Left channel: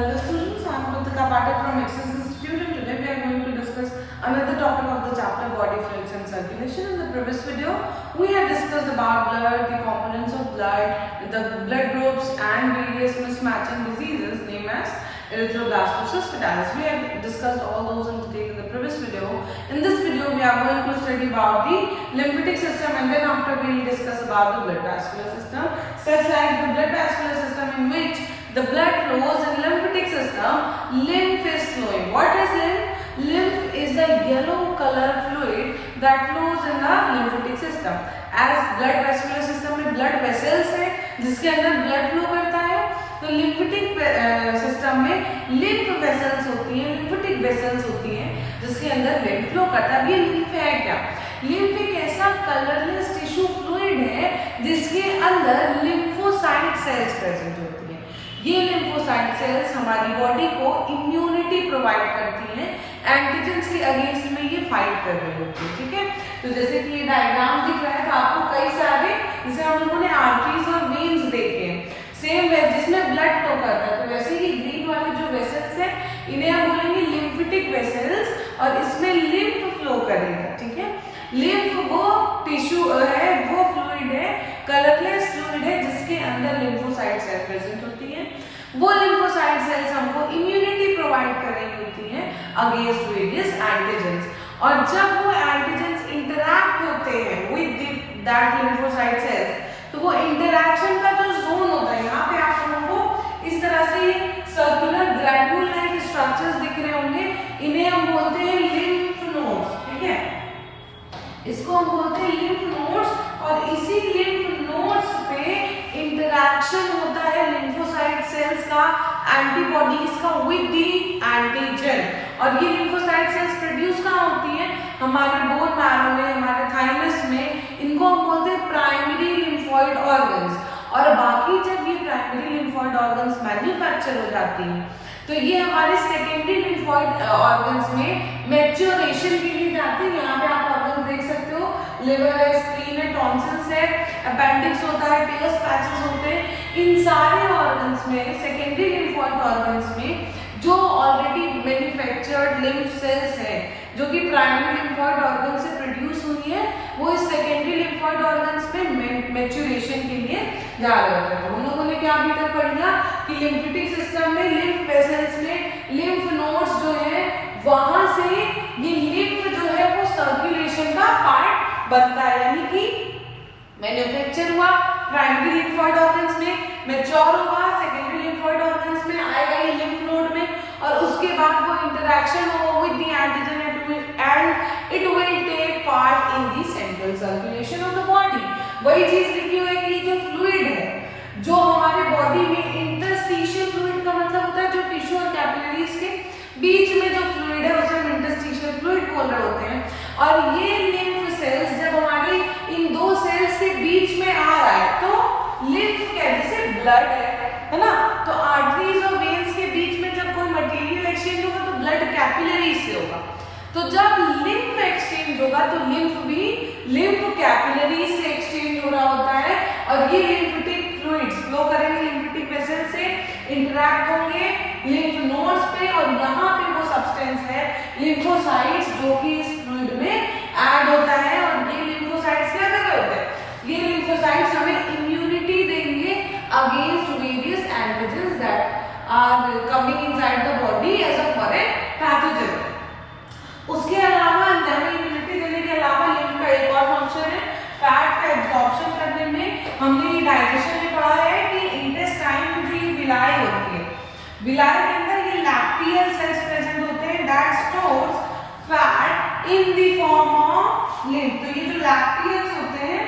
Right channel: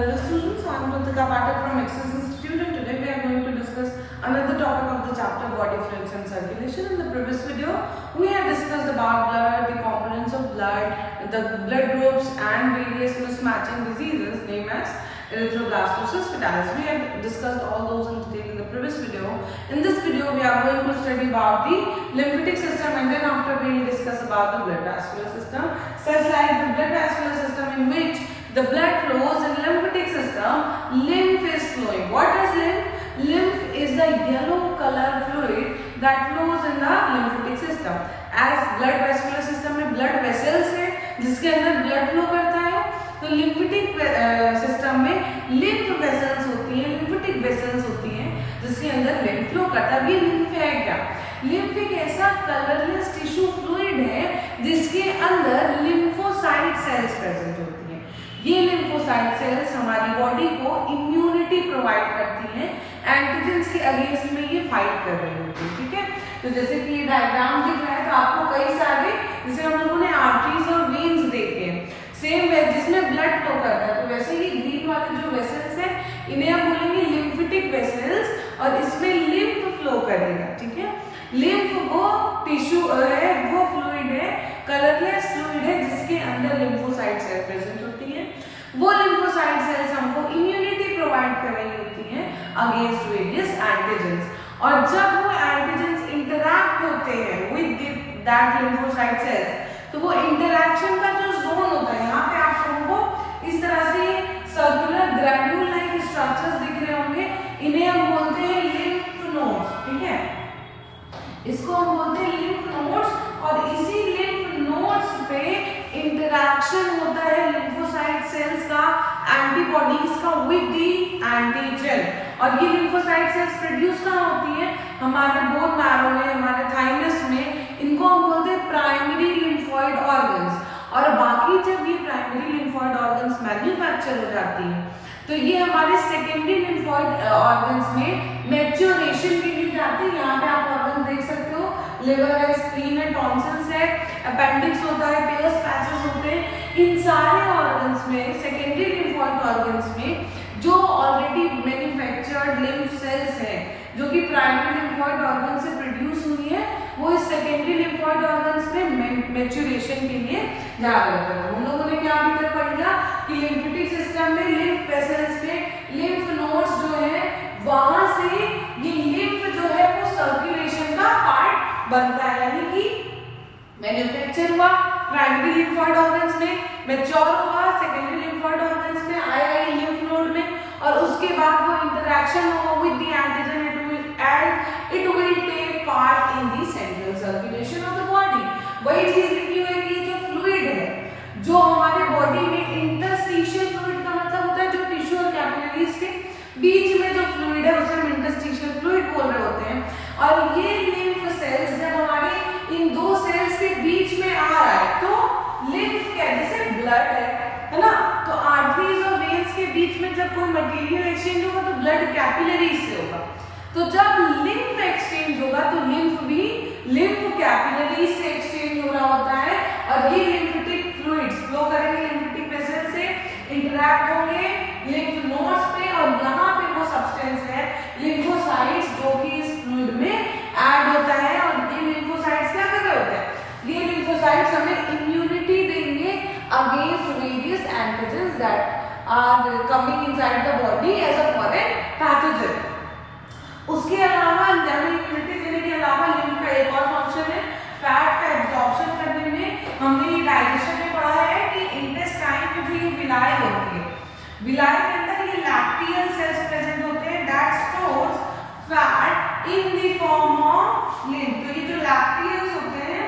Hello students, I am Kritika Pathak from Access Institute and today we are going to discuss another topic of the chapter body fluids and circulation. In the previous video, we had discussed about blood, the components of blood, the blood groups and various mismatching diseases named as erythroblastosis fetalis. We had discussed all those in detail in the previous video. In this video, we are going to study about the lymphatic system and then after we will discuss about the blood vascular system, such like the blood vascular system in which the blood flows in lymphatic system, lymph is flowing. What is lymph? Lymph is the yellow color fluid that flows in the lymphatic system. As blood vascular system में blood vessels है जिसके अंदर blood flow करता है, तो lymphatic system में lymph vessels होती हैं, lymphatic vessels होती हैं जिसके अंदर lymph flow करता है. अब ये lymph है क्या? lymph एक ऐसा colorless tissue fluid है जिसके अंदर lymphocyte cells present होती हैं. ये लिम्फोसाइट सेल्स हमारी बॉडी को इम्यूनिटी प्रोवाइड करती हैं, एंटीजेंस के अगेंस्ट में ये फाइट कर रही होती है. ठीक है, तो जैसे कि ये डायग्राम दिख रहा है तो आपको कई सारे जैसे हम लोगों ने आर्टरीज और वेन्स देखे हैं सेम जिसमें ब्लड फ्लो करता है, तो वैसे ही ग्रीन वाले जो वेसल्स हैं इन्हें हम बोलेंगे लिम्फेटिक वेसल्स और इसमें लिम्फ फ्लो करेगा. ठीक है, लिम्फ वो टिश्यू है, वो फ्लूइड है, कलरलेस फ्लूइड है जिसके अंदर लिम्फोसाइट सेल प्रेजेंट होती हैं. वो लिम्फोसाइट सेल्स हमको इम्यूनिटी प्रोवाइड कर रही होती हैं अगेंस्ट वेरियस एंटीजेंस. और जब वो एंटीजेंस इंटरैक्ट होते हैं विद दैट लिम्फोसाइट सेल्स, तो वो इंटरैक्शन का जो जोन होता है, यहाँ पे आप हमको इस तरह से सर्कुलर ग्रैन्यूल लाइक स्ट्रक्चर्स दिख रहे होंगे, इन्हें हम बोलते हैं लिम्फ नोड्स. ठीक है, इसको हम बोलते हैं लिम्फ नोड्स और इसी लिम्फ नोड्स पे इंटरैक्शन होता है लिम्फोसाइट सेल्स का, एंटीबॉडीज का विद दी एंटीजन. और ये लिम्फोसाइट सेल्स प्रोड्यूस कहाँ होती है? हमारे बोन मैरो में, हमारे थाइमस में. इनको हम बोलते हैं प्राइमरी लिम्फोइड ऑर्गन्स. और बाकी जब ये प्राइमरी लिम्फोइड ऑर्गन्स मैन्युफैक्चर हो जाती हैं तो ये हमारे सेकेंडरी लिम्फोइड ऑर्गन्स में मैच्योरेशन के लिए जाती है. यहाँ पे आप ऑर्गन देख सकते हो, लिवर है, स्प्लीन है, टॉन्सिल्स है, अपेंडिक्स होता है, पेयर्स पैचेस होते हैं. इन सारे ऑर्गन्स में, सेकेंडरी लिम्फोइड ऑर्गन्स में जो ऑलरेडी मैन्युफैक्चर्ड लिम्फ सेल्स हैं जो कि प्राइमरी लिम्फोइड ऑर्गन से प्रोड्यूस हुई है, वो इस सेकेंडरी लिम्फोइड ऑर्गन्स में मैच्योरेशन के लिए जा रहे होते हैं. उन लोगों ने क्या अभी तक पढ़ा कि लिम्फेटिक सिस्टम में लिम्फ वेसल्स में लिम्फ नोड्स जो है वहां से ये लिम्फ जो है वो सर्कुलेशन का पार्ट बनता है, यानी कि मैन्युफैक्चर हुआ प्राइमरी लिम्फोइड ऑर्गन्स में, मैच्योर हुआ सेकेंडरी लिम्फोइड ऑर्गन्स में, आएगा ये लिम्फ नोड में और उसके बाद वो इंटरैक्शन होगा with the antigen and it will take part in the central circulation of the body. वही चीज लिखी हुई है कि जो फ्लूइड है जो हमारे बॉडी में इंटरस्टिशियल फ्लूइड का मतलब होता है जो टिश्यू और कैपिलरीज के बीच में जो फ्लूइड है उसे हम इंटरस्टिशियल फ्लूइड बोल रहे होते हैं. और ये लिम्फ सेल्स जब हमारे इन दो सेल्स के बीच में आ रहा है तो लिम्फ क्या है, जैसे ब्लड है ना, तो आर्टरीज और वेन्स के बीच में जब कोई मटेरियल एक्सचेंज होगा तो ब्लड कैपिलरीज से होगा. तो जब लिम्फ एक्सचेंज होगा तो लिम्फ भी लिम्फ कैपिलरीज से एक्सचेंज हो रहा होता है और ये लिम्फेटिक फ्लूइड्स फ्लो करेंगे लिम्फेटिक वेसल से, इंटरैक्ट होंगे लिम्फ नोड्स पे और यहाँ पे वो सब्सटेंस है लिम्फोसाइट्स जो कि इस फ्लूइड में ऐड होता है. और ये लिम्फोसाइट्स क्या कर रहे होते हैं? ये लिम्फोसाइट्स हमें इम्यूनिटी देंगे against various antigens that are coming inside the body as a foreign pathogen. उसके अलावा इम्यूनिटी देने के अलावा लिम्फ का एक और फंक्शन है फैट का एब्जॉर्प्शन करने में. हमने ये डाइजेशन में पढ़ा है कि इंटेस्टाइन में जो ये विलाय होती है, विलाय के अंदर ये लैक्टियल सेल्स प्रेजेंट होते हैं that stores fat in the form of lymph. तो ये जो लैक्टियल्स होते हैं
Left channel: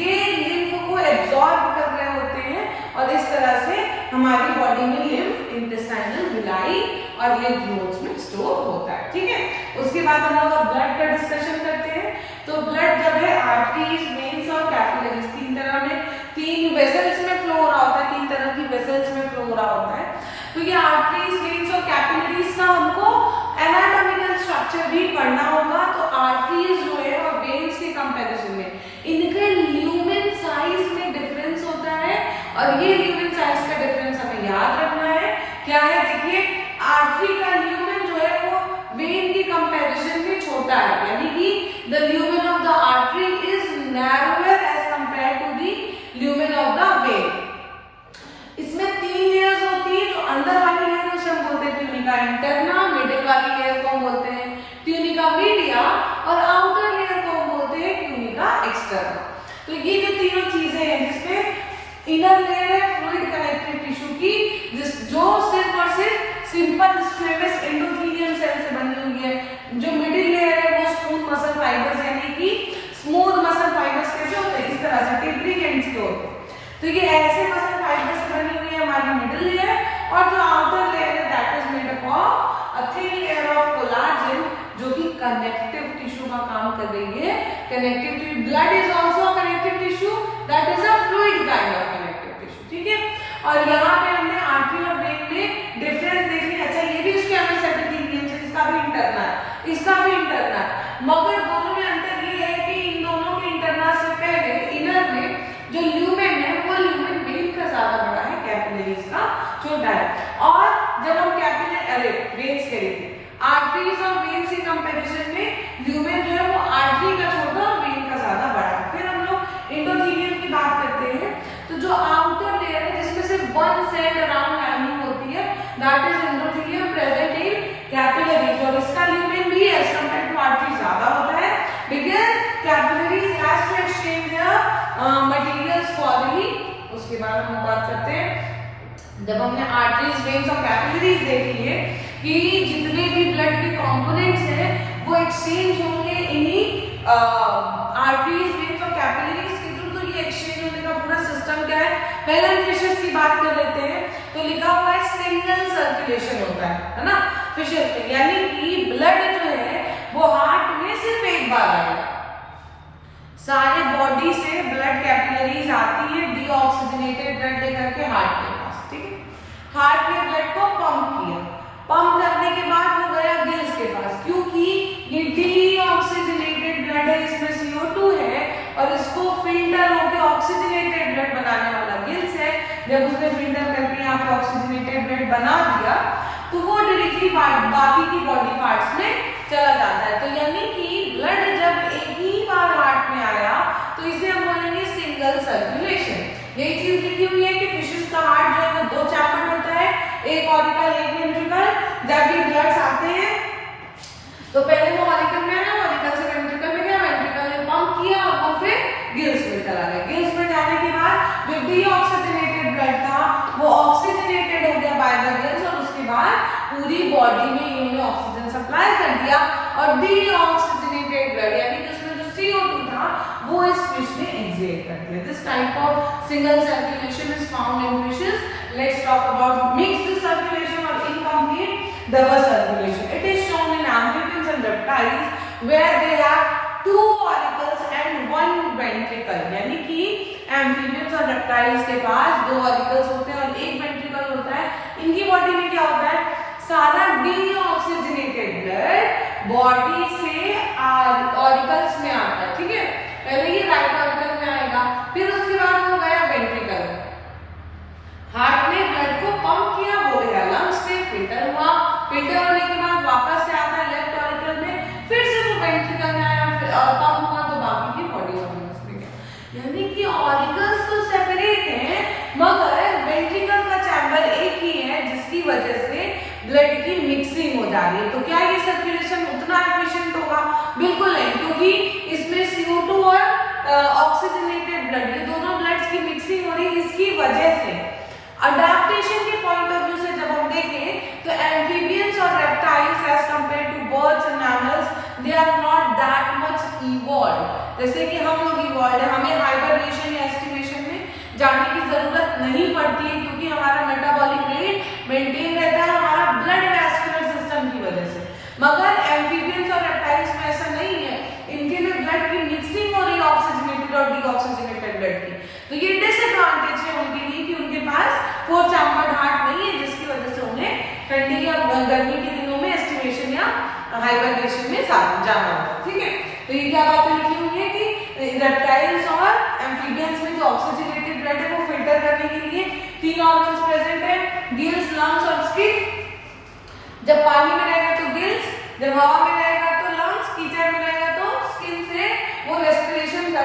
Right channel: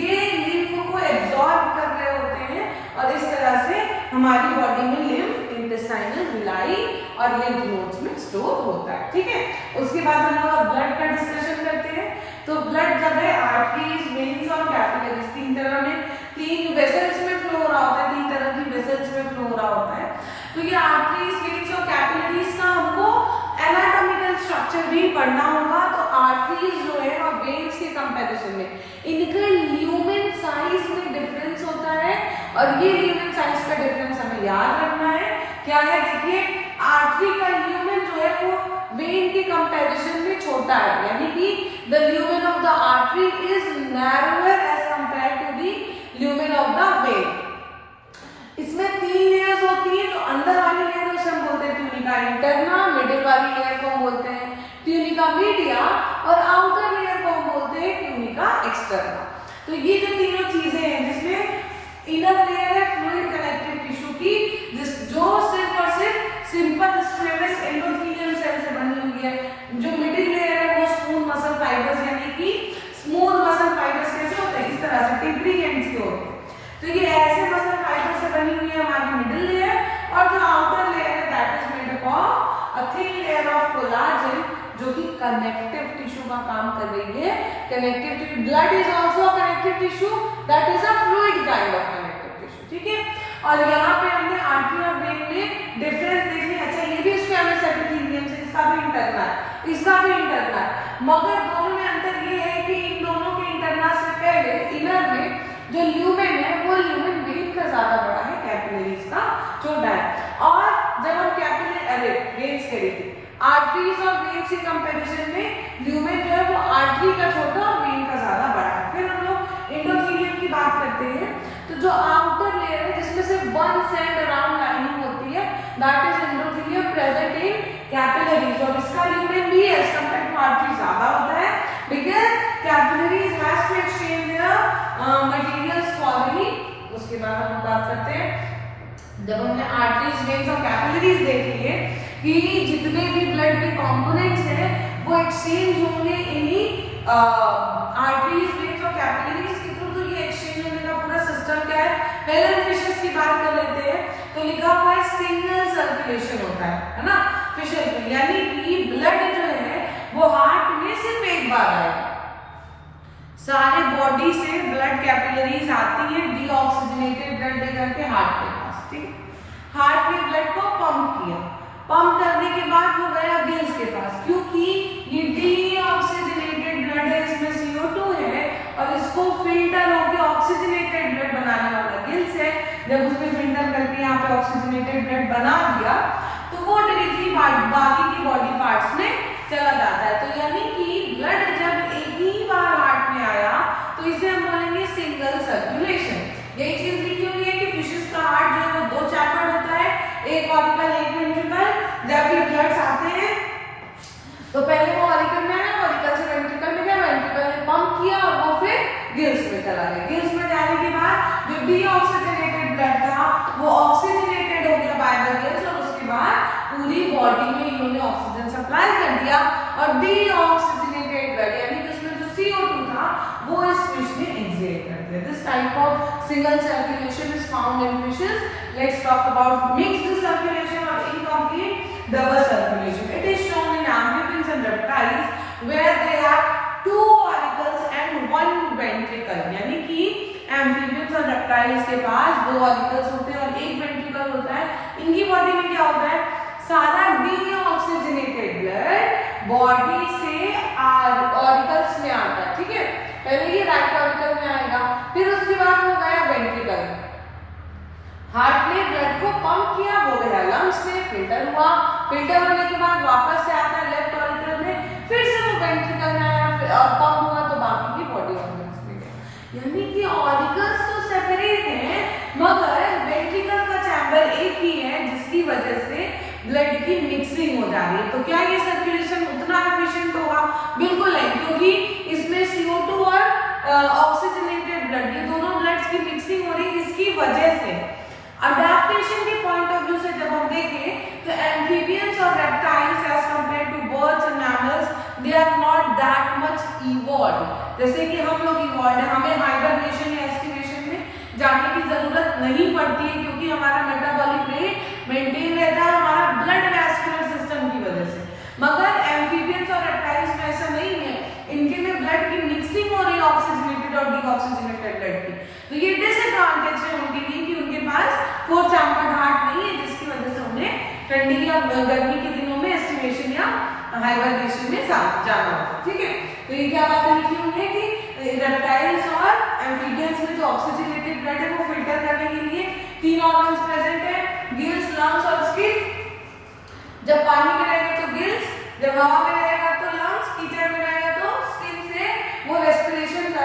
ये लिम्फ को एब्जॉर्ब कर रहे होते हैं और इस तरह से हमारी बॉडी में लिम्फ इंटेस्टाइनल विलाई और लिम्फ नोड्स में स्टोर होता है. ठीक है, उसके बाद हम लोग ब्लड का डिस्कशन करते हैं. तो ब्लड जब है आर्टरीज, वेन्स और कैपिलरीज तीन तरह में, तीन वेसल्स में फ्लो हो रहा होता है, तीन तरह की वेसल्स में फ्लो हो रहा होता है. तो ये आर्टरीज, वेन्स और कैपिलरीज का हमको एनाटॉमिकल स्ट्रक्चर भी पढ़ना होगा. तो आर्टरीज जो है और वेन्स के कंपैरिजन में इनके ल्यूमेन साइज में डिफरेंस होता है और ये ल्यूमेन साइज का डिफरेंस हमें याद रखना है. क्या है देखिए, कंपैरिजन में छोटा है, यानी कि the lumen of the artery is narrower as compare to the lumen of the vein. इसमें 3 लेयर्स होती है। जो अंदर वाली लेयर उसे हम बोलते हैं ट्यूनिका इंटरना, मिडिल वाली लेयर को हम बोलते हैं ट्यूनिका मीडिया और आउटर लेयर को हम बोलते हैं ट्यूनिका एक्सटर्ना। तो ये जो तीनों चीजें हैं, जिसमें इनर लेयर है फ्लूइड कनेक्टिव टिश्यू की, जो सिर्फ और सिर्फ सिंपल स्क्वेमस एंडोथेलियम सेल से बनी हुई है। जो मिडिल लेयर है वो स्मूथ मसल फाइबर्स, यानी कि स्मूथ मसल फाइबर्स कैसे होते हैं, इस तरह से टेपरिंग एंड्स के होते हैं। तो ये ऐसे मसल फाइबर से बनी हुई है हमारी मिडिल लेयर। और जो आउटर लेयर है that is made up of a thin layer of collagen, जो कि कनेक्टिव टिश्यू का काम कर रही है। Connective tissue, blood is also a connective tissue, that is a fluid kind of connective tissue, ठीक है। और यहाँ पे हमने आर्टरी और वेन में डिफरेंस देख लिया। अच्छा, ये भी स्क्वैमस एपिथेलियम है, इसका भी इंटरना है, इसका भी इंटरना है, मगर दोनों में अंतर ये है कि इन दोनों के इंटरना से पहले इनर में जो ल्यूमेन है वो ल्यूमेन वेन का ज्यादा बड़ा है, कैपिलरीज का छोटा है। और जब हम कैपिलरी वेन्स कह रहे थे, आर्टरीज और वेन्स की कंपैरिजन में ल्यूमेन जो है वो आर्टरी का छोटा और वेन का ज्यादा बड़ा है। फिर हम लोग एंडोथेलियम की बात करते हैं। तो जो आउटर लेयर है जिसमें सिर्फ वन सेल अराउंड लाइनिंग होती है, that is endothelium present in capillaries. और इसका ल्यूमेन भी एज कंपेयर टू आर्टरी ज्यादा होता है, because capillaries has to exchange their materials freely. उसके बाद हम बात करते हैं, जब हमने आर्टरीज, वेन्स और कैपिलरीज देख लिए कि जितने भी ब्लड के कंपोनेंट्स हैं वो एक्सचेंज होंगे इन्हीं आर्टरीज, वेन्स और कैपिलरीज के थ्रू। तो ये एक्सचेंज होने का पूरा सिस्टम क्या है, पहले हम फिशेस की बात कर लेते हैं। तो लिखा हुआ है सिंगल सर्कुलेशन होता है ना फिशेस में, यानी कि ब्लड जो है वो हार्ट में सिर्फ एक बार आएगा। सारे बॉडी से ब्लड कैपिलरीज आती है डीऑक्सीजनेटेड ब्लड लेकर के हार्ट के पास, ठीक है। हार्ट ने ब्लड को पंप किया, पंप करने के बाद वो गया गिल्स के पास, क्योंकि ये डीऑक्सीजनेटेड ब्लड है, इसमें CO2 है और इसको फिल्टर होकर ऑक्सीजनेटेड ब्लड बनाने वाला गिल्स है। जब उसने फिल्टर करके यहाँ पे ऑक्सीजनेटेड ब्लड बना दिया तो वो डायरेक्टली बाकी की बॉडी पार्ट्स में चला जाता है। तो यानी कि ब्लड जब एक ही बार हार्ट में आया तो इसे हम बोलेंगे सिंगल सर्कुलेशन। यही चीज लिखी हुई है कि फिशेस का हार्ट जो है वो 2 चैप्टर होता है, एक ऑरिकल एक वेंट्रिकल। जब ये ब्लड्स आते हैं तो पहले वो ऑरिकल में है, ऑरिकल से वेंट्रिकल में गया, वेंट्रिकल ने पंप किया और वो फिर गिल्स में चला गया। गिल्स में जाने के बाद जो डीऑक्सीजनेटेड ब्लड था वो ऑक्सीजनेटेड हो गया बाय द गिल्स और उसके बाद पूरी बॉडी में इन्होंने ऑक्सीजन सप्लाई कर दिया। और डीऑक्सीजनेटेड ब्लड यानी कि उसमें जो CO2 था वो इस फिश ने एक्सहेल कर दिया। This type of single circulation is found in fishes. Let's talk about mixed circulation और incomplete double circulation. It is shown in amphibians and reptiles where they have 2 auricles and 1 ventricle। यानी कि amphibians और reptiles के पास 2 auricles होते हैं और 1 ventricle होता है। इनकी बॉडी में क्या होता है, सारा डीऑक्सीजनेटेड ब्लड बॉडी से ऑरिकल्स में आता है, ठीक है। पहले ये राइट ऑरिकल में आएगा, फिर उसके बाद वो गया वेंट्रिकल। हार्ट ने ब्लड को पंप किया, वो गया लंग्स में, फिल्टर हुआ, फिल्टर होने के बाद वापस से आता है लेफ्ट ऑरिकल में, फिर से वो वेंट्रिकल में आया और पंप हुआ तो बाकी की बॉडी ऑर्गन्स में गया। यानी कि ऑरिकल्स तो सेपरेट हैं मगर वेंट्रिकल का चैम्बर एक ही है, जिसकी वजह से ब्लड की मिक्सिंग हो जा रही है। तो क्या ये सर्कुलेशन उतना एफिशिएंट होगा? बिल्कुल नहीं, क्योंकि इसमें CO2 और ऑक्सीजनेटेड ब्लड, ये दोनों ब्लड्स की मिक्सिंग हो रही है। इसकी वजह से अडैप्टेशन के पॉइंट ऑफ व्यू से जब हम देखें तो एम्फीबियंस और reptiles as compare to birds and mammals they are not that much evolved. जैसे कि हम लोग इवॉल्व्ड है, हमें हाइबरनेशन या एस्टिमेशन में जाने की जरूरत नहीं पड़ती है क्योंकि हमारा मेटाबॉलिक रेट मेंटेन रहता है हमारा ब्लड वैस्कुलर सिस्टम की वजह से। मगर एम्फीबियंस और रेप्टाइल्स में ऐसा नहीं है, इनके में ब्लड की मिक्सिंग हो रही है ऑक्सीजनेटेड और डीऑक्सीजनेटेड ब्लड की। तो ये डिसएडवांटेज है उनके लिए कि उनके पास 4 चैम्बर्ड हार्ट नहीं है, जिसकी वजह से उन्हें ठंडी या गर्मी के दिनों में एस्टिमेशन या हाइबरनेशन में जाना होगा, ठीक है। तो ये क्या बातें लिखी हुई है कि रेप्टाइल्स और एम्फीबियंस में जो ऑक्सीजनेटेड ब्लड है वो फिल्टर करने के लिए 3 ऑर्गन्स प्रेजेंट है, गिल्स, लंग्स और स्किन। जब पानी में रहेगा तो गिल्स, जब हवा में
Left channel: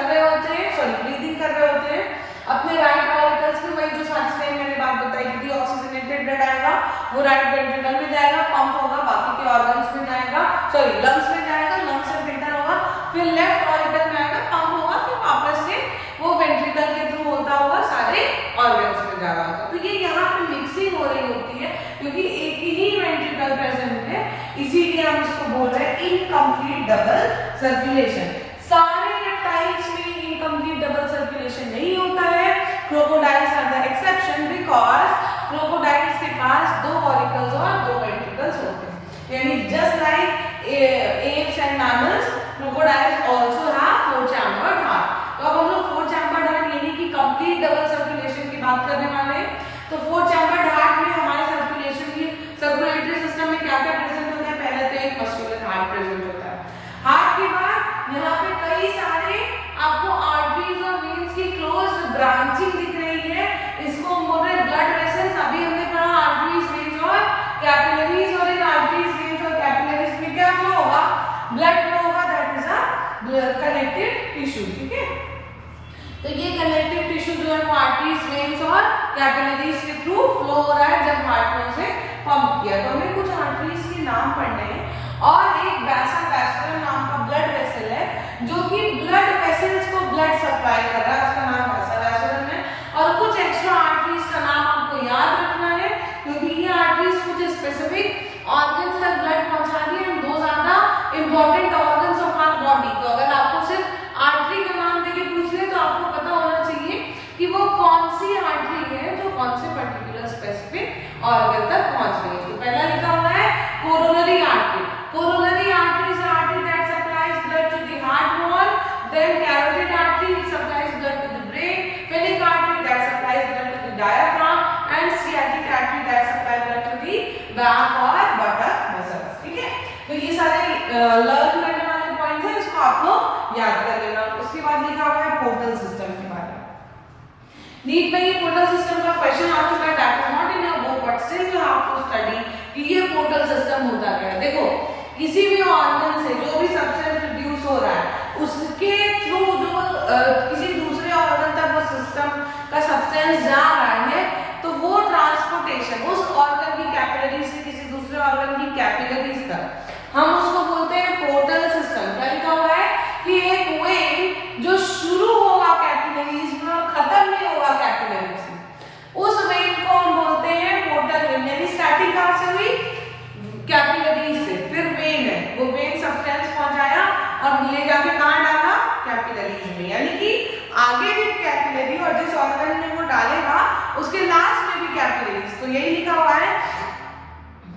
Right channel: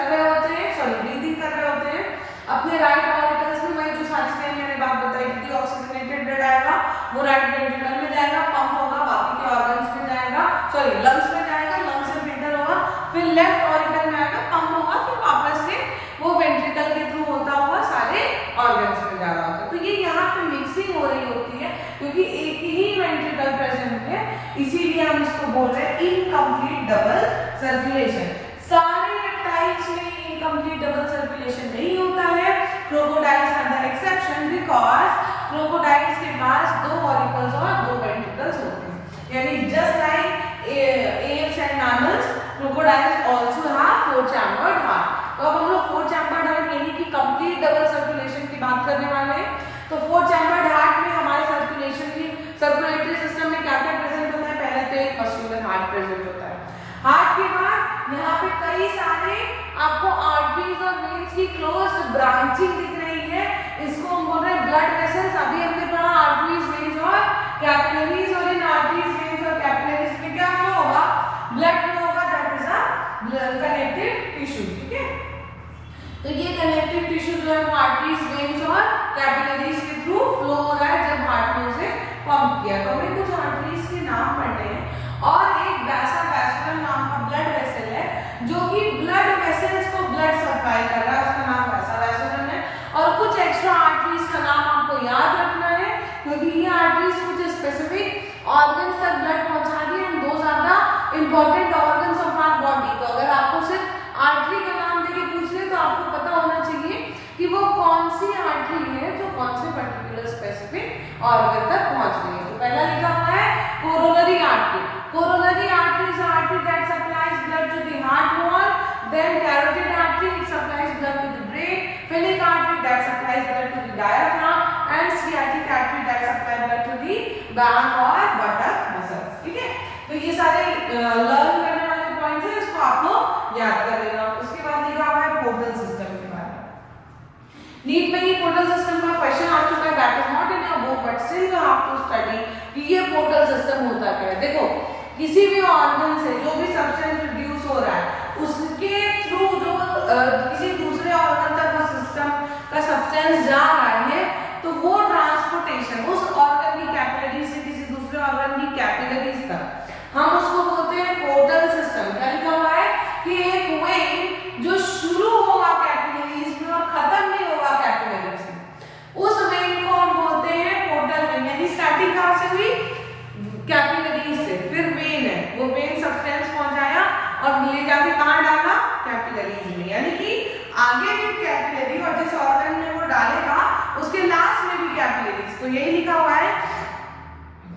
कर रहे होते हैं, सॉरी ब्रीदिंग कर रहे होते हैं, अपने राइट ऑरिकल्स में वही जो साक्षी ने मैंने बात बताई कि ऑक्सीजनेटेड ब्लड आएगा वो राइट वेंट्रिकल में जाएगा, पंप होगा, बाकी के ऑर्गन्स में जाएगा, सॉरी लंग्स में जाएगा, लंग्स से फिल्टर होगा, फिर लेफ्ट ऑरिकल में आएगा, पंप होगा, फिर वापस से वो वेंट्रिकल के थ्रू होता हुआ सारे ऑर्गन्स में जा रहा होता है। तो ये यहाँ पे मिक्सिंग हो रही होती है क्योंकि एक ही वेंट्रिकल प्रेजेंट है, इसीलिए हम इसको बोल रहे हैं इनकम्प्लीट डबल सर्कुलेशन। सारे रेप्टाइल्स में इनकम्प्लीट डबल सर्कुलेशन नहीं होता है, crocodiles are the exception because crocodiles के पास 2 ऑरिकल्स और 2 वेंट्रिकल्स होते हैं, यानी just like apes and mammals, crocodiles also have 4 chambered heart। तो अब हम लोग 4 chambered heart यानी कि कंप्लीट डबल सर्कुलेशन की बात करने वाले हैं। तो 4 chambered heart में हमारे सर्कुलेशन की सर्कुलेटरी सिस्टम में क्या क्या प्रेजेंट होता है? पहले तो एक मस्कुलर हार्ट प्रेजेंट होता है, हार्ट के बाद यहाँ पे कई सारे आपको आर्टरीज और वेन्स की क्लोज्ड ब्रांचिंग दिख रही है, इसको हम बोल रहे हैं ब्लड वेसल्स। अभी हमने पढ़ा आर्टरीज, वेन्स और कैपिलरीज, और इन आर्टरीज, वेन्स और कैपिलरीज में क्या फ्लो होगा? ब्लड फ्लो होगा, that is a connective tissue. ठीक है, तो ये कनेक्टिव टिश्यू जो है वो आर्टरीज, वेन्स और कैपिलरीज के थ्रू फ्लो हो रहा है जब हार्ट में उसे पंप किया। तो हमें कुछ आर्टरीज के नाम पढ़ने हैं और एक वैस्कुलर नाम का ब्लड वेसल है जो कि ब्लड वेसल्स को ब्लड सप्लाई कर रहा है, उसका नाम वैस्कुलर है। और कुछ एक्स्ट्रा आर्टरीज का नाम आपको याद रखना है क्योंकि ये आर्टरीज कुछ स्पेसिफिक ऑर्गन्स तक ब्लड पहुंचा रही है, and those are the important organs of our body. तो अगर आपको सिर्फ आर्टरी का नाम देके पूछ ले तो आपको पता होना चाहिए कि वो कौन सी आर्टरी है जो कौन से पर्टिकुलर स्पेसिफिक ऑर्गन तक पहुंच रही है। तो पहला लिखा हुआ है coronary artery. Coronary artery is an artery that supplies blood to the heart wall. Then carotid artery, it supplies blood to the brain. Pilic artery that supplies blood to the diaphragm, and sciatic artery that supplies blood to the back or buttock muscles. ठीक है, तो ये सारे learn करने वाले points हैं, इसको आप लोग याद कर लेना। उसके बाद लिखा हुआ है पोर्टल सिस्टम के बारे में। नीट में ये पोर्टल सिस्टम का क्वेश्चन आ चुका है, that is not in your book but still you have to study कि ये पोर्टल सिस्टम होता क्या है। देखो, किसी भी ऑर्गन से जो भी सब्सटेंस रिड्यूस हो रहा है उसके थ्रू जो किसी दूसरे ऑर्गन तक वो सिस्टम का सब्सटेंस जा रहा है तो वो ट्रांसपोर्टेशन उस ऑर्गन की कैपिलरी से किसी दूसरे ऑर्गन की कैपिलरीज तक हम उसको बोलते हैं पोर्टल सिस्टम। क्या लिखा हुआ है कि एक वेन जो शुरू होगा कैपिलरीज में और खत्म नहीं होगा कैपिलरीज में, उस वेन को हम बोलते हैं पोर्टल वेन। यानी स्टार्टिंग कहां से हुई? कैपिलरीज से, फिर वेन है, वो वेन सब्सटेंस पहुंचाया और ले जाके कहां डाला? कैपिलरीज में। यानी कि आगे भी कैपिलरी और जिस ऑर्गन में वो डालेगा उसके लास्ट में भी कैपिलरीज। तो यही लिखा हुआ है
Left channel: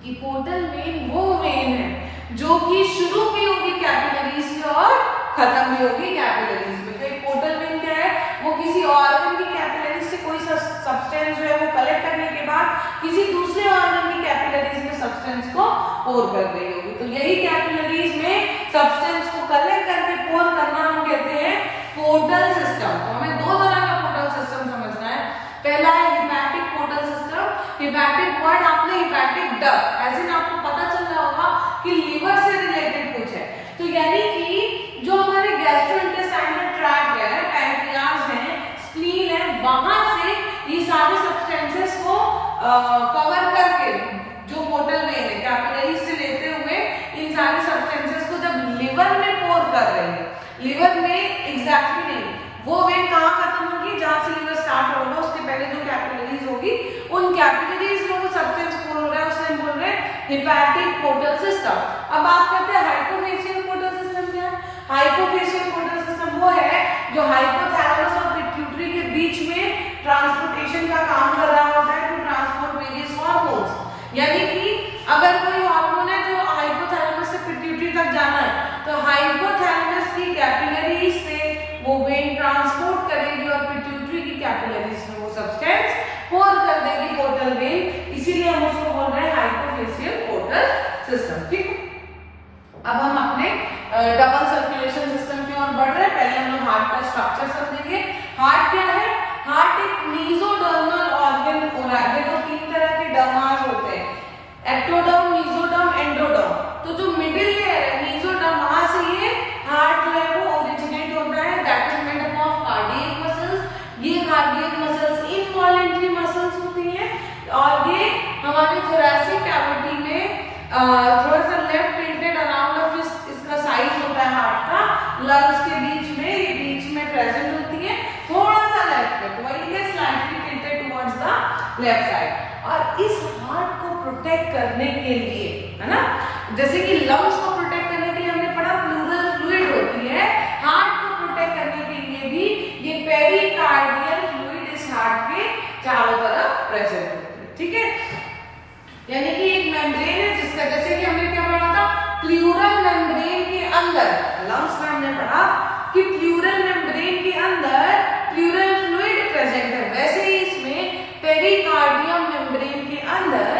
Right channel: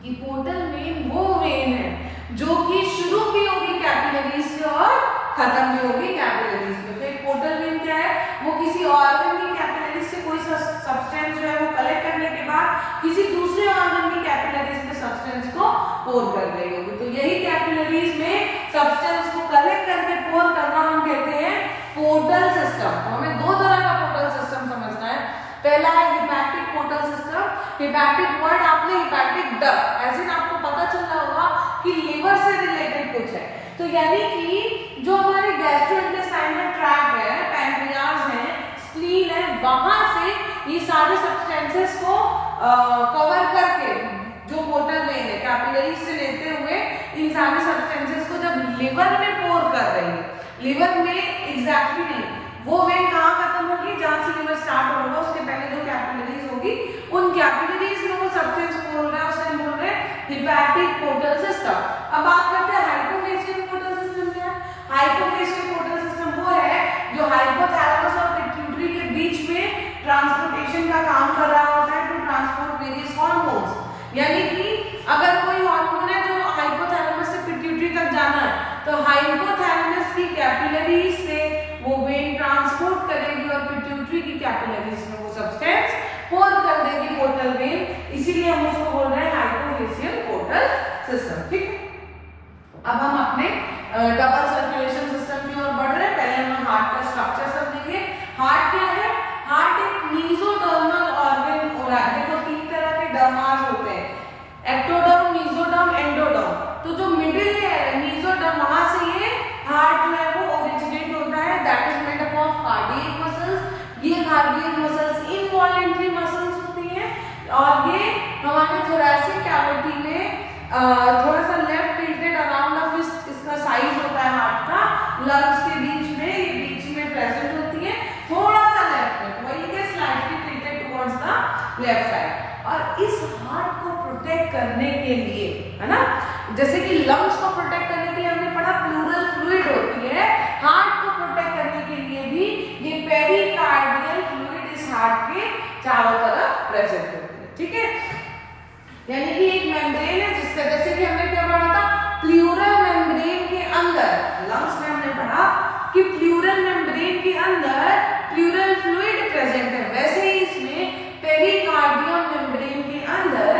कि पोर्टल वेन वो वेन है जो कि शुरू भी होगी कैपिलरीज से और खत्म भी होगी कैपिलरीज में। तो एक पोर्टल वेन क्या है? वो किसी ऑर्गन की कैपिलरीज से कोई सब्सटेंस जो है वो कलेक्ट करने के बाद किसी दूसरे ऑर्गन की कैपिलरीज में सब्सटेंस को पोर कर रही होगी। तो यही कैपिलरीज में सब्सटेंस को कलेक्ट करके पोर करना हम कहते हैं पोर्टल सिस्टम। तो हमें 2 तरह का पोर्टल सिस्टम समझना है। पहला है hepatic portal system. Hepatic word आपने हिपैटिक डक्ट, ऐसे में आपको पता चल रहा होगा कि लीवर से रिलेटेड कुछ है। तो यानी कि जो हमारे गैस्ट्रोइंटेस्टाइनल ट्रैक्ट है, पैंक्रियाज है, स्प्लीन है, वहां से ये सारे सब्सटेंसेस को कवर करके जो पोर्टल वेन है कैपिलरीज से लेते हुए इन सारे सब्सटेंसेस को जब लिवर में पोर कर रही है, लिवर में एग्जैक्टली नहीं, वो वेन कहाँ खत्म होगी? जहां से लिवर स्टार्ट होगा उसके पहले जो कैपिलरीज होगी उन कैपिलरीज में वो सब्सटेंस पोर हो रहा है, उसे हम बोल रहे हैं हिपैटिक पोर्टल सिस्टम। अब बात करते हैं हाइपोफेशियल पोर्टल सिस्टम क्या है? हाइपोफेशियल पोर्टल सिस्टम वो है जो हाइपोथैलेमस और पिट्यूटरी के बीच में ट्रांसपोर्टेशन का काम कर रहा होता है टू ट्रांसपोर्ट वेरियस हार्मोन्स। यानी कि अगर कोई हार्मोन है जो हाइपोथैलेमस से पिट्यूटरी तक जाना है तो हाइपोथैलेमस की कैपिलरीज से वो वेन ट्रांसपोर्ट करेगी और पिट्यूटरी की कैपिलरीज में वो सब्सटेंस पोर कर देगी पोर्टल वेन, इसीलिए हम उसको बोल रहे हैं हाइपोफेशियल पोर्टल सिस्टम। ठीक, अब हम अपने डबल सर्कुलेशन सिस्टम की ओर बढ़ रहे हैं। पहले हम लोग हार्ट का स्ट्रक्चर समझेंगे। हार्ट क्या है? हार्ट एक मीजोडर्मल ऑर्गन हो रहा है। तो 3 तरह के डर्मास होते हैं, एक्टोडर्म, मीजोडर्म, एंडोडर्म। तो जो मिडिल लेयर है मीजोडर्म, वहां से ये हार्ट जो है वो ओरिजिनेट होता है, दैट इज मेड हमारे थोरैसिक कैविटी में थोड़ा सा left tilted around the fist इसका साइज होता है हार्ट का, लंग्स के बीच में प्रेजेंट होती है, थोड़ा सा लेफ्ट में, तो वही है slightly tilted towards the left side. और इस हार्ट को प्रोटेक्ट करने के लिए, है ना, जैसे कि लंग्स को प्रोटेक्ट करने के लिए हमने पढ़ा प्लूरल फ्लूइड होती है, हार्ट को प्रोटेक्ट करने के लिए भी ये पेरिकार्डियल फ्लूइड इस हार्ट के चारों तरफ प्रेजेंट होती है, ठीक है। यानी कि एक मेम्ब्रेन है जिसका, जैसे कि हमने क्या पढ़ा था, प्लूरल मेम्ब्रेन के अंदर, लंग्स में हमने पढ़ा कि प्लूरल मेम्ब्रेन के अंदर प्लूरल फ्लूइड प्रेजेंट है, वैसे ही इसमें पेरिकार्डियम मेम्ब्रेन के अंदर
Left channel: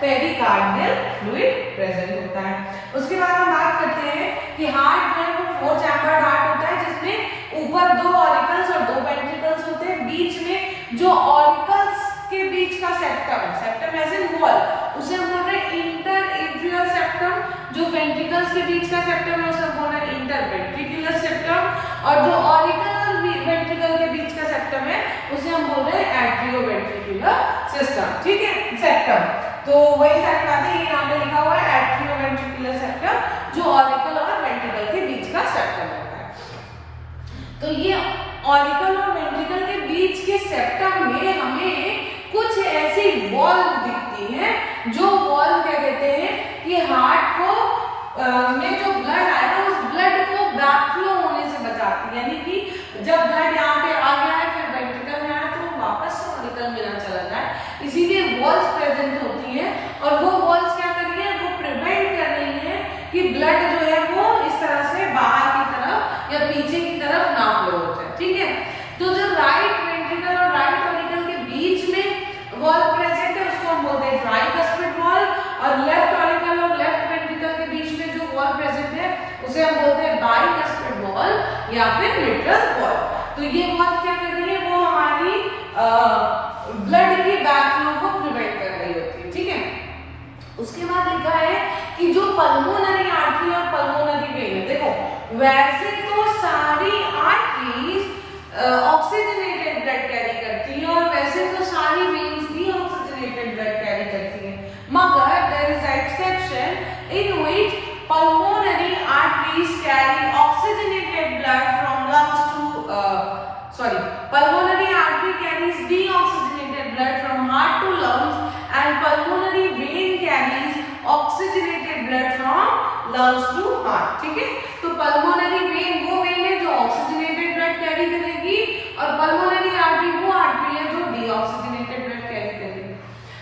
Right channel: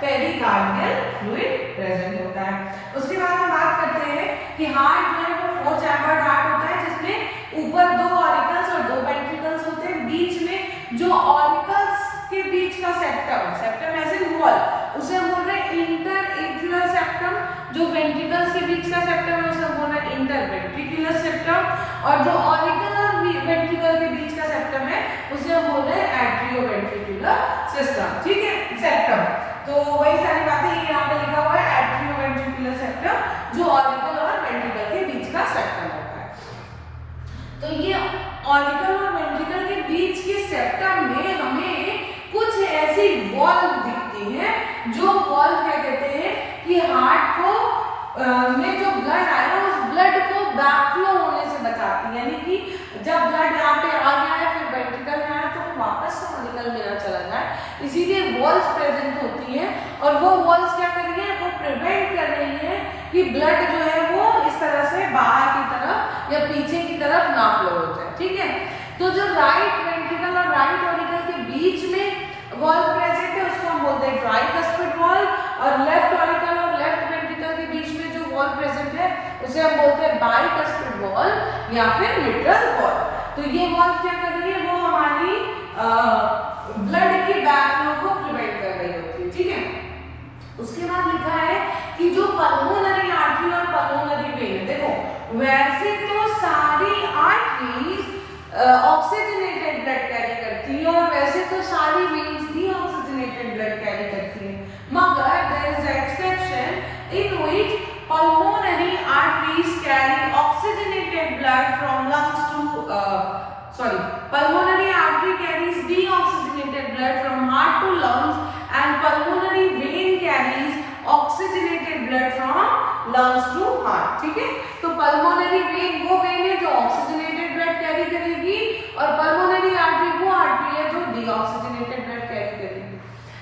पेरिकार्डियल फ्लूइड प्रेजेंट होता है। उसके बाद हम बात करते हैं कि हार्ट जो है वो 4 चैम्बर्ड हार्ट होता है, जिसमें ऊपर 2 ऑरिकल्स और 2 वेंट्रिकल्स होते हैं, बीच में जो ऑरिकल्स के बीच का सेप्टम एज इन वॉल, उसे हम बोल रहे हैं इंटर एट्रियल सेप्टम, जो वेंट्रिकल्स के बीच का सेप्टम है उसे हम बोल रहे हैं इंटर वेंट्रिकुलर सेप्टम, और जो ऑरिकल और वेंट्रिकल के बीच का सेप्टम है उसे हम बोल रहे हैं एट्रियो वेंट्रिकुलर सिस्टम, ठीक है, सेप्टम। तो वही सारी बातें यहाँ पे लिखा हुआ है, एट्रियो वेंट्रिकुलर सेप्टम, जो ऑरिकल और वेंट्रिकल के बीच का सेप्टम होता है। तो ये ऑरिकल और वेंट्रिकल के बीच के सेप्टम में हमें कुछ ऐसी वॉल्व दिखती हैं, जो वॉल्व क्या कहते हैं कि हार्ट को में जो ब्लड आया उस ब्लड को बैकफ्लो होने से बचाती है, यानी कि जब ब्लड यहाँ पे आ गया है फिर वेंट्रिकल में आया तो वापस से ऑरिकल में ना चला जाए, इसीलिए वॉल्व्स प्रेजेंट होती हैं। और वो वॉल्व्स क्या कर रही है, वो प्रिवेंट कर रही है कि ब्लड जो है वो इस तरह से बाहर की तरफ या पीछे की तरफ ना फ्लो हो जाए, ठीक है। तो जो राइट वेंट्रिकल और राइट ऑरिकल के बीच में वॉल्व प्रेजेंट है उसको हम बोलते हैं ट्राइकस्पिड वॉल्व, और लेफ्ट ऑरिकल और लेफ्ट वेंट्रिकल के बीच में जो वॉल्व प्रेजेंट है उसे हम बोलते हैं बाइकस्पिड वॉल्व या फिर मिट्रल वॉल्व। तो ये वॉल्व क्या कर रही है, वो हमारी ब्लड की बैकफ्लो को प्रिवेंट कर रही होती है, ठीक है। उसके बाद लिखा है कि जो पल्मोनरी आर्टरी और पल्मोनरी वेन, देखो वैसे तो सारी आर्टरीज ऑक्सीजनेटेड ब्लड कैरी करती है और वैसे तो सारी वेन्स भी ऑक्सीजनेटेड ब्लड कैरी करती है, मगर there is a exception in which pulmonary arteries carry oxygenated blood from lungs to pulmonary artery carries deoxygenated blood from heart to lungs, and pulmonary vein carries oxygenated blood from lungs to heart, ठीक है। तो pulmonary vein वो when है जो oxygenated blood carry करेगी, और pulmonary artery वो artery है जो deoxygenated blood कैरी करेगी।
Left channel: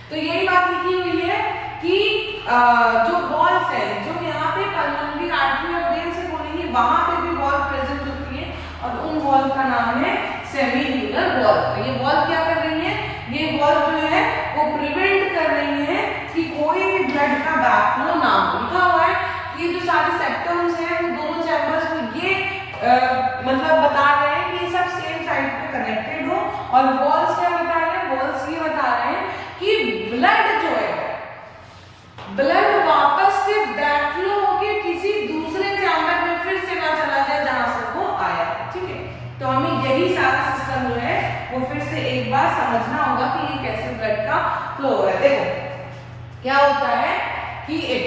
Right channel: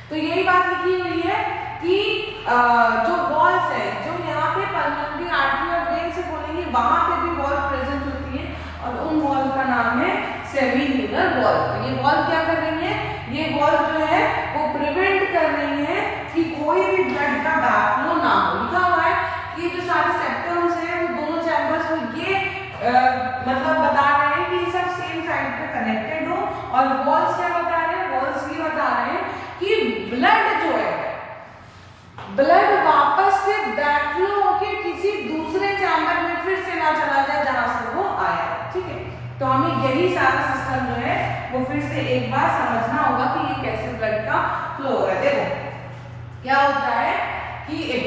तो यही बात लिखी हुई है कि जो वॉल्व्स है, जो यहाँ पे पल्मोनरी आर्टरी और वेन से बोलेंगे वहां पे भी वॉल्व प्रेजेंट होती है, और उन वॉल्व का नाम है सेमीन्यूलर वॉल्व। तो ये वॉल्व क्या कर रही है, ये वॉल्व जो है वो प्रिवेंट कर रही है कि कोई भी ब्लड का बैकफ्लो ना हो। लिखा हुआ है कि जो सारे सेप्टम्स हैं वो दोनों चैम्बर्स में ये मतलब बता रहे हैं कि सब सेम साइड पे कनेक्टेड हो, और वॉल्व्स क्या बता रहे हैं, वॉल्व्स ये बता रहे हैं कि ब्लड जो है, ब्लड वापस से बैकफ्लो होके किसी दूसरे चैम्बर में फिर से ना चला जाए जहां से वो आया, ठीक है। तो हमें यही सारा सिस्टम जो है वो फिर से एक बार समझना होगा कि ये कैसे ब्लड का फ्लो हो रहा है। देखो क्या होता है कि एक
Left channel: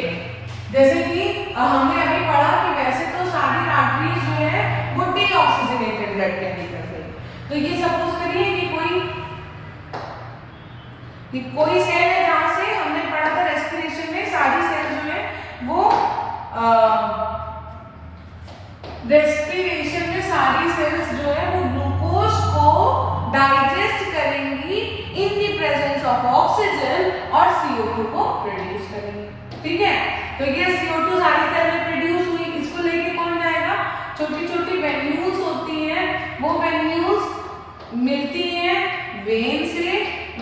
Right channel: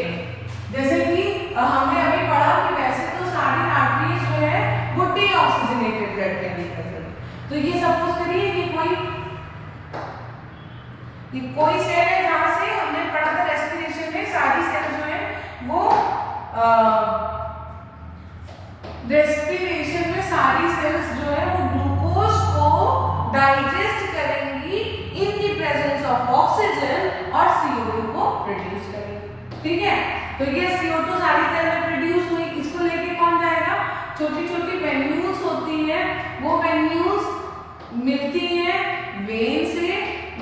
जैसे कि हमने अभी पढ़ा कि वैसे तो सारी आर्टरीज जो है वो डीऑक्सीजनेटेड ब्लड कैरी करती है। तो ये सपोज करिए कि कोई सेल है जहां से हमने पढ़ा था रेस्पिरेशन में सारी सेल जो है वो रेस्पिरेशन में सारी सेल्स जो है वो ग्लूकोज को डाइजेस्ट करेंगी in the presence of oxygen और CO2 को प्रोड्यूस करेंगी, ठीक है। तो ये CO2 सारी सेल में प्रोड्यूस हुई, इसको लेके कौन जाएगा, छोटी छोटी वेन्यूल्स होती हैं, वो वेन्यूल्स मिलती हैं वेन से,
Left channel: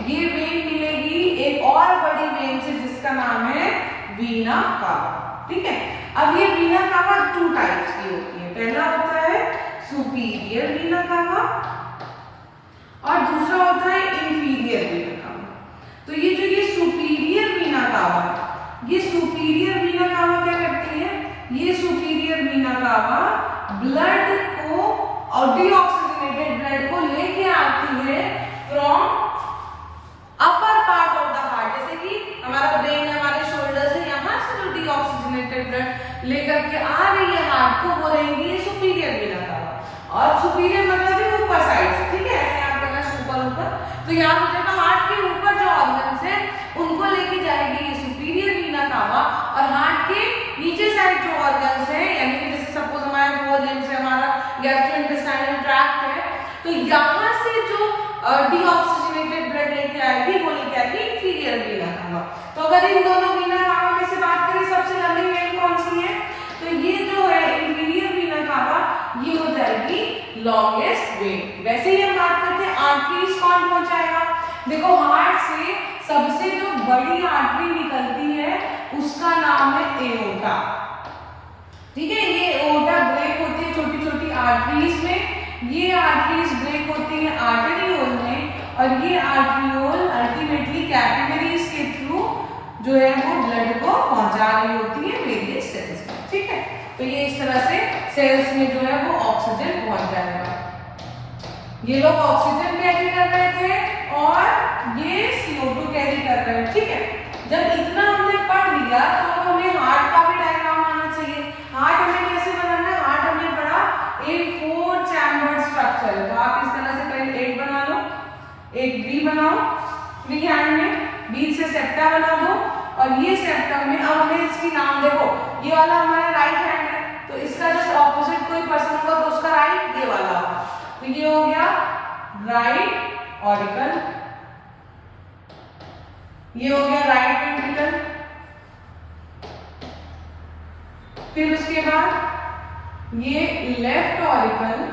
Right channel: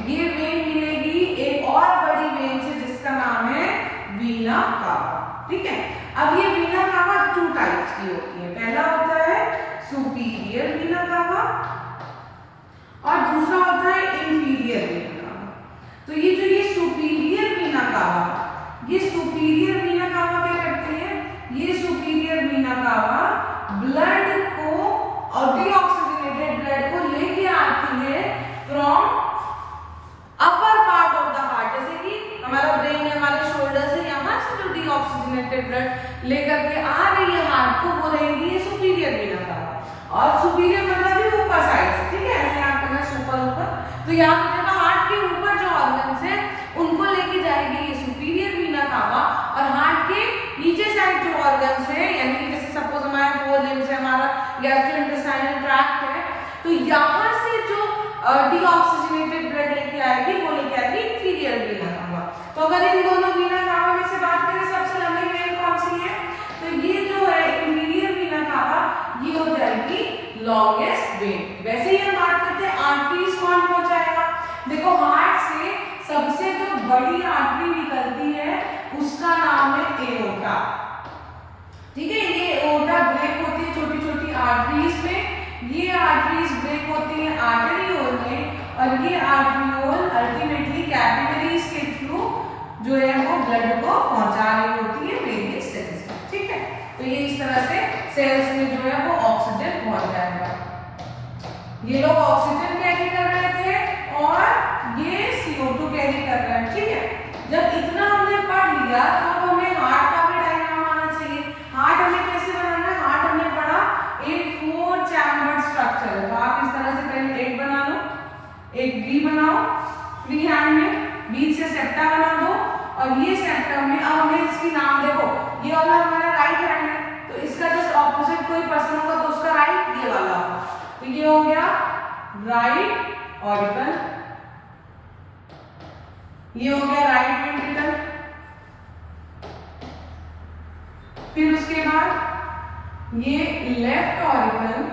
ये वेन मिलेगी एक और बड़ी वेन से जिसका नाम है वीना कावा, ठीक है। अब ये वीना कावा 2 टाइप्स की होती है, पहला होता है सुपीरियर वीना कावा और दूसरा होता है इंफीरियर वीना कावा। तो ये जो ये सुपीरियर वीना कावा, ये सुपीरियर वीना कावा क्या करती है, ये सुपीरियर वीना कावा ब्लड को और डीऑक्सीजनेटेड ब्लड को लेके आती है from upper part of the heart, जैसे कि हमारा ऑक्सीजनेटेड ब्लड लेकर के आ रही है हार्ट को, वो रहेगी ये सुपीरियर वीना कावा। और सुपीरियर मतलब ही ऊपर साइड से, ठीक है, ऐसे याद करना ऊपर ऊपर, तो याद हो जाएगा हार्ट के ऊपर जो ऑर्गन्स है उनको लेके जाएगी ये सुपीरियर वीना कावा, और हार्ट के नीचे साइड जो ऑर्गन्स है, यानी कि जैसे सपोज हमारा 4 लिम्स है, हमारा गैस्ट्रोइंटेस्टाइनल ट्रैक्ट है, तो यहाँ से जो डीऑक्सीजनेटेड ब्लड लेके आएगी वो लेके आएगी इंफीरियर वीना कावा। तो अगर इन दोनों वीना कावा में से बात करें सबसे लंबी वेन कौन सी है, तो ये जो है इंफीरियर वीना कावा, ये हो जाएगी लॉन्गेस्ट वेन। वैसे ही हम बात करते हैं आर्टरीज कौन पहुंचाएगा, देखो हार्ट से सबसे जो बड़ी आर्टरी निकलती है उसका नाम है एओर्टा, ठीक है। ये एओर्टा ब्रेक होती है छोटी छोटी आर्टरीज में, ये आर्टरीज ब्रेक होती है आर्टेरियोल में, और ये आर्टेरियोल अल्टीमेटली कैपिलरीज के थ्रू जो है वो ब्लड को पहुंचा रही होती है वेरियस सेल्स में, ठीक है। तो ये इस तरह से सेल्स में जो है वो ऑक्सीजन पहुंच जाएगा। ये लोग ऑक्सीजन कैरी कर रहे थे और ये CO2 कैरी कर रहे हैं, ठीक है। जब इतना हमने पढ़ लिया तो हमें हार्ट का भी डायग्राम आना चाहिए। हार्ट हमें कैसे बनाना है, हार्ट हमने पढ़ा एक 4 चैम्बर्ड स्ट्रक्चर है, तो आप इस तरह से पहले एक बना लो, एक V बनाओ फ्री हैंड में, बीच से सेप्टा बना दो, और ये सेप्टम में अब हमें इसकी नाम देखो, ये वाला हमारा राइट हैंड है, तो इसका जस्ट ऑपोजिट कोई पर्सन होगा तो उसका राइट ये वाला, तो ये हो गया राइट ऑरिकल, ये हो गया राइट वेंट्रिकल, फिर उसके बाद ये लेफ्ट ऑरिकल,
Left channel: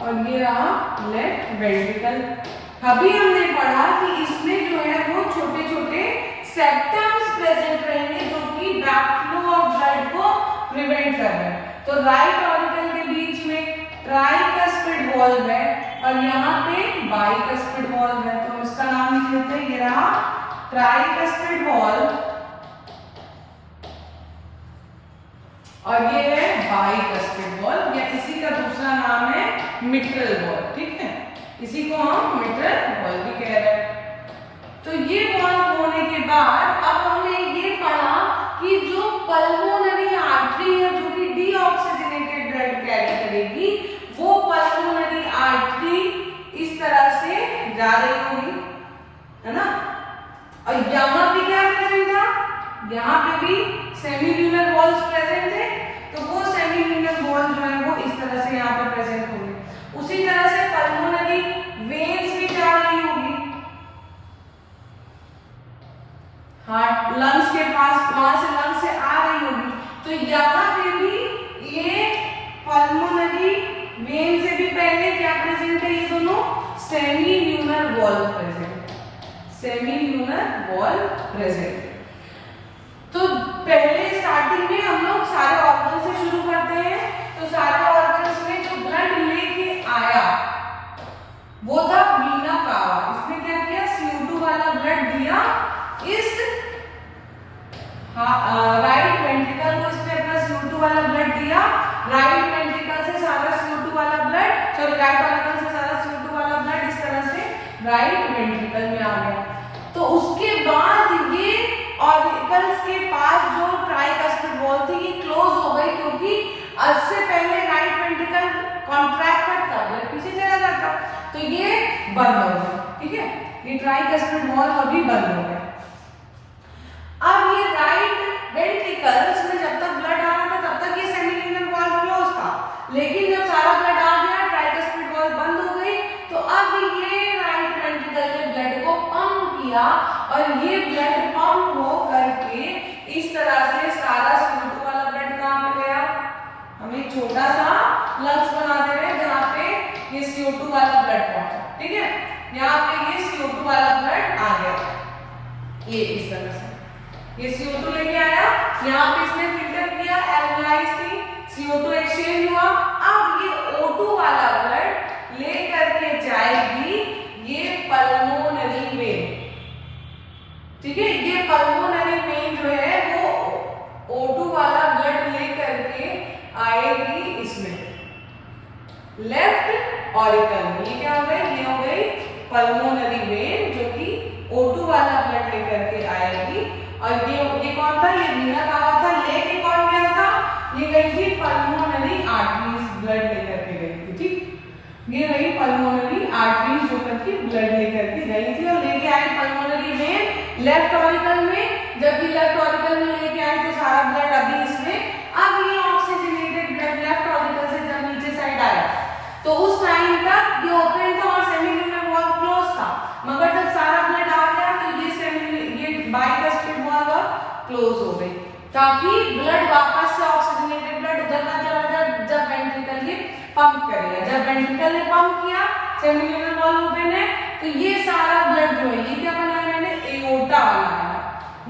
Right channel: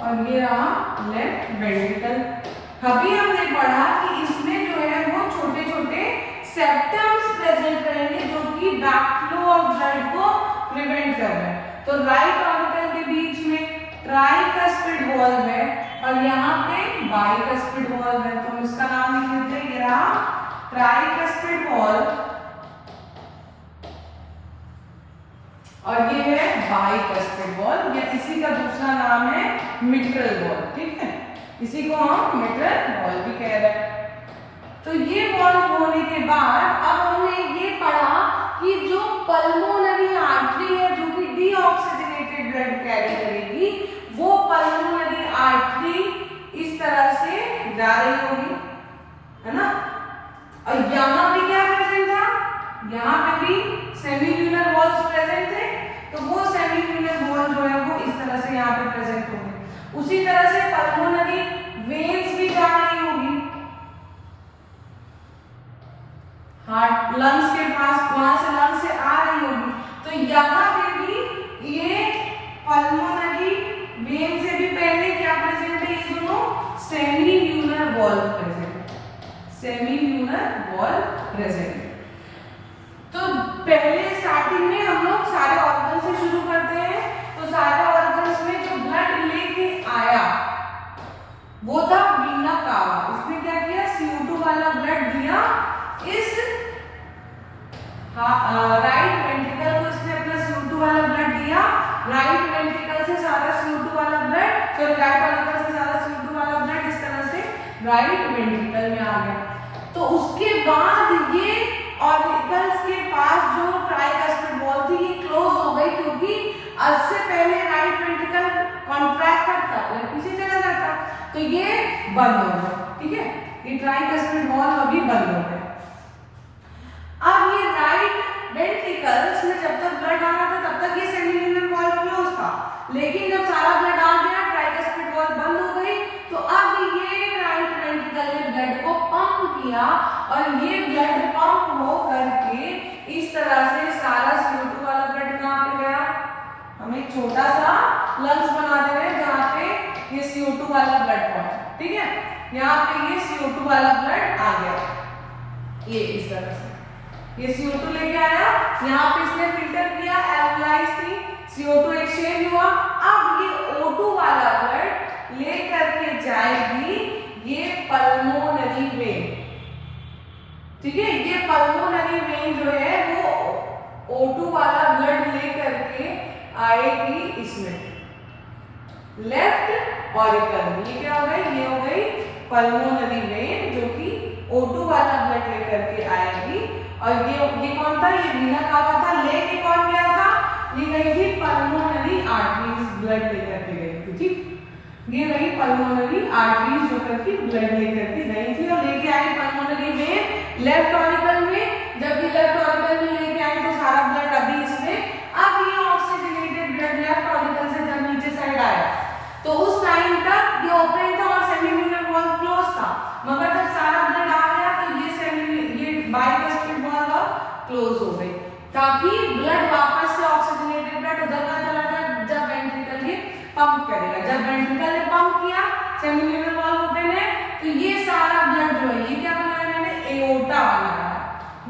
और ये रहा लेफ्ट वेंट्रिकल। अभी हमने पढ़ा कि इसमें जो है वो छोटे छोटे सेप्टम्स प्रेजेंट रहेंगे जो कि बैकफ्लो ऑफ ब्लड को प्रिवेंट कर रहे हैं। तो राइट ऑरिकल के बीच में ट्राइकस्पिड वॉल्व है और यहाँ पे बाइकस्पिड वॉल्व है, तो इसका नाम लिख लेते हैं, ये रहा ट्राइकस्पिड वॉल्व और ये है बाइकस्पिड वॉल्व, या इसी का दूसरा नाम है मिट्रल वॉल्व, ठीक है। इसी को हम मिट्रल वॉल्व भी कह रहे हैं। तो ये वॉल्व होने के बाद अब हमने ये पढ़ा कि जो पल्मोनरी आर्टरी है जो कि डीऑक्सीजनेटेड ब्लड कैरी करेगी, वो पल्मोनरी आर्टरी इस तरह से जा रही होगी, है ना। और यहाँ पे क्या प्रेजेंट था, यहाँ पे भी सेमील्यूनर वॉल्स प्रेजेंट थे, तो वो सेमील्यूनर वॉल जो है वो इस तरह से यहाँ पे प्रेजेंट होंगे। उसी तरह से पल्मोनरी वेन्स भी जा रही होगी हार्ट लंग्स के पास, वहां से लंग्स से आ रही होगी, तो यहाँ पे भी ये पल्मोनरी वेन से भी पहले क्या प्रेजेंट है, ये दोनों सेमील्यूनर वॉल प्रेजेंट, सेमील्यूनर वॉल प्रेजेंट। तो पहले स्टार्टिंग में हम लोग सारे ऑर्गन से शुरू करते हैं, तो सारे ऑर्गन्स में जो ब्लड लेके आया वो था वीना कावा। इसने क्या किया, CO2 वाला ब्लड दिया इस राइट वेंट्रिकल को, इसने अपना CO2 वाला ब्लड दिया, राइट वेंट्रिकल से सारा CO2 वाला ब्लड, सॉरी राइट ऑरिकल से सारा CO2 वाला ब्लड इस तरह से राइट वेंट्रिकल में आ गया। तो उसके बाद ये ऑरिकल्स के पास जो ट्राइकस्पिड वॉल थी ये क्लोज हो गई, क्योंकि इससे पहले राइट वेंट्रिकल कॉन्ट्रैक्ट करता है, पीछे चला जाता, तो ये बंद हो गया, ठीक है। ये ट्राइकस्पिड वॉल अभी बंद हो गया। अब ये राइट वेंट्रिकल्स में जब तक ब्लड आ रहा था तब तक ये सेमील्यूनर वॉल क्लोज था, लेकिन जब सारा ब्लड आ गया ट्राइकस्पिड वॉल बंद हो गई, तो अब ये राइट वेंट्रिकल ने ब्लड को पंप किया और ये ब्लड पंप हो करके इस तरह से सारा CO2 वाला ब्लड कहाँ पे गया, हम एक छोटा सा लंग्स बना दे रहे हैं जहाँ पे ये CO2 वाला ब्लड पहुंचा, ठीक है। यहाँ पे ये CO2 वाला ब्लड आ गया, ये इस तरह से ये CO2 लेके आया, यहाँ पे इसने फिल्टर किया, एल्कलाइज थी, CO2 एक्सचेंज हुआ, अब ये O2 वाला ब्लड ले करके जाएगी ये पल्मोनरी वेन, ठीक है। ये पल्मोनरी वेन जो है वो O2 वाला ब्लड ले करके आएगी इसमें लेफ्ट ऑरिकल में। ये क्या हो गई, ये हो गई पल्मोनरी वेन जो कि O2 वाला ब्लड लेकर के आएगी और ये कौन था, ये वीना का हुआ था, लेके कौन गया था, ये गई थी पल्मोनरी आर्टरीज, ब्लड लेकर के गई थी, ठीक। ये रही पल्मोनरी आर्टरीज जो करके ब्लड लेकर के गई थी और लेके आई पल्मोनरी में लेफ्ट ऑरिकल में। जब ये लेफ्ट ऑरिकल में लेके आई तो सारा ब्लड अभी इसमें, अब ये ऑक्सीजनेटेड ब्लड लेफ्ट ऑरिकल से जब नीचे साइड आया तो उस टाइम तक ये ओपन था और सेमिन्यूलर वॉल्व क्लोज था, मगर जब सारा ब्लड आ गया तो ये बाइकस्पिड वॉल्व क्लोज हो गई, ताकि ब्लड वापस से ऑक्सीजनेटेड ब्लड उधर ना चला जाए जब वेंट्रिकल ये पंप करेगा। जब वेंट्रिकल ने पंप किया, सेमिन्यूलर वॉल्व ओपन है, तो ये सारा ब्लड जो है, ये क्या बनाया मैंने, एओर्टा बनाया।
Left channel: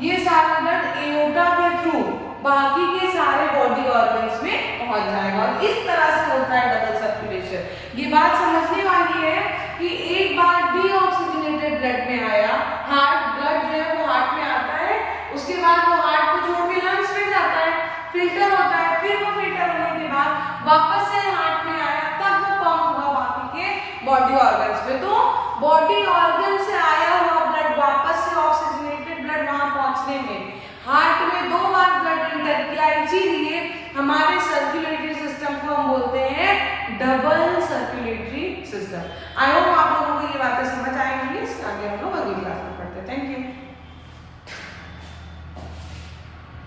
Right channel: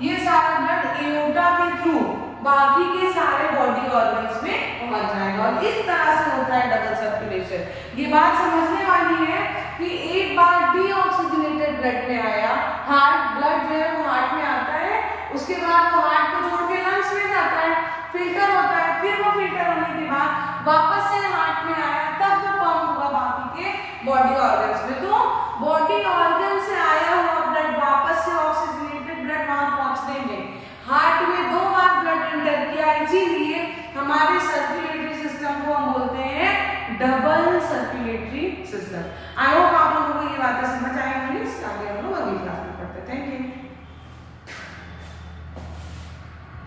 ये सारा ब्लड एओर्टा के थ्रू बाकी के सारे बॉडी ऑर्गन्स में पहुंच जाएगा और इस तरह से होता है डबल सर्कुलेशन। ये बात समझने वाली है कि एक बार डीऑक्सीजनेटेड ब्लड में आया, हार्ट ब्लड जो है वो हार्ट में आता है, उसके बाद वो हार्ट को छोड़ के लंग्स में जाता है, फिल्टर होता है, फिर वो फिल्टर होने के बाद वापस से हार्ट में आया, तब वो पंप हुआ बाकी के बॉडी ऑर्गन्स में। तो बॉडी ऑर्गन से आया हुआ ब्लड वापस से ऑक्सीजनेटेड ब्लड वहां पहुंचने में हार्ट में 2 बार ब्लड इंटर किया, इसीलिए हमारे सर्कुलेटरी सिस्टम को हम बोलते हैं double circulatory system. I hope आप लोगों को ये बातें समझ आई होंगी। इसके आगे हम लोग अगली क्लास में पढ़ते हैं। Thank you.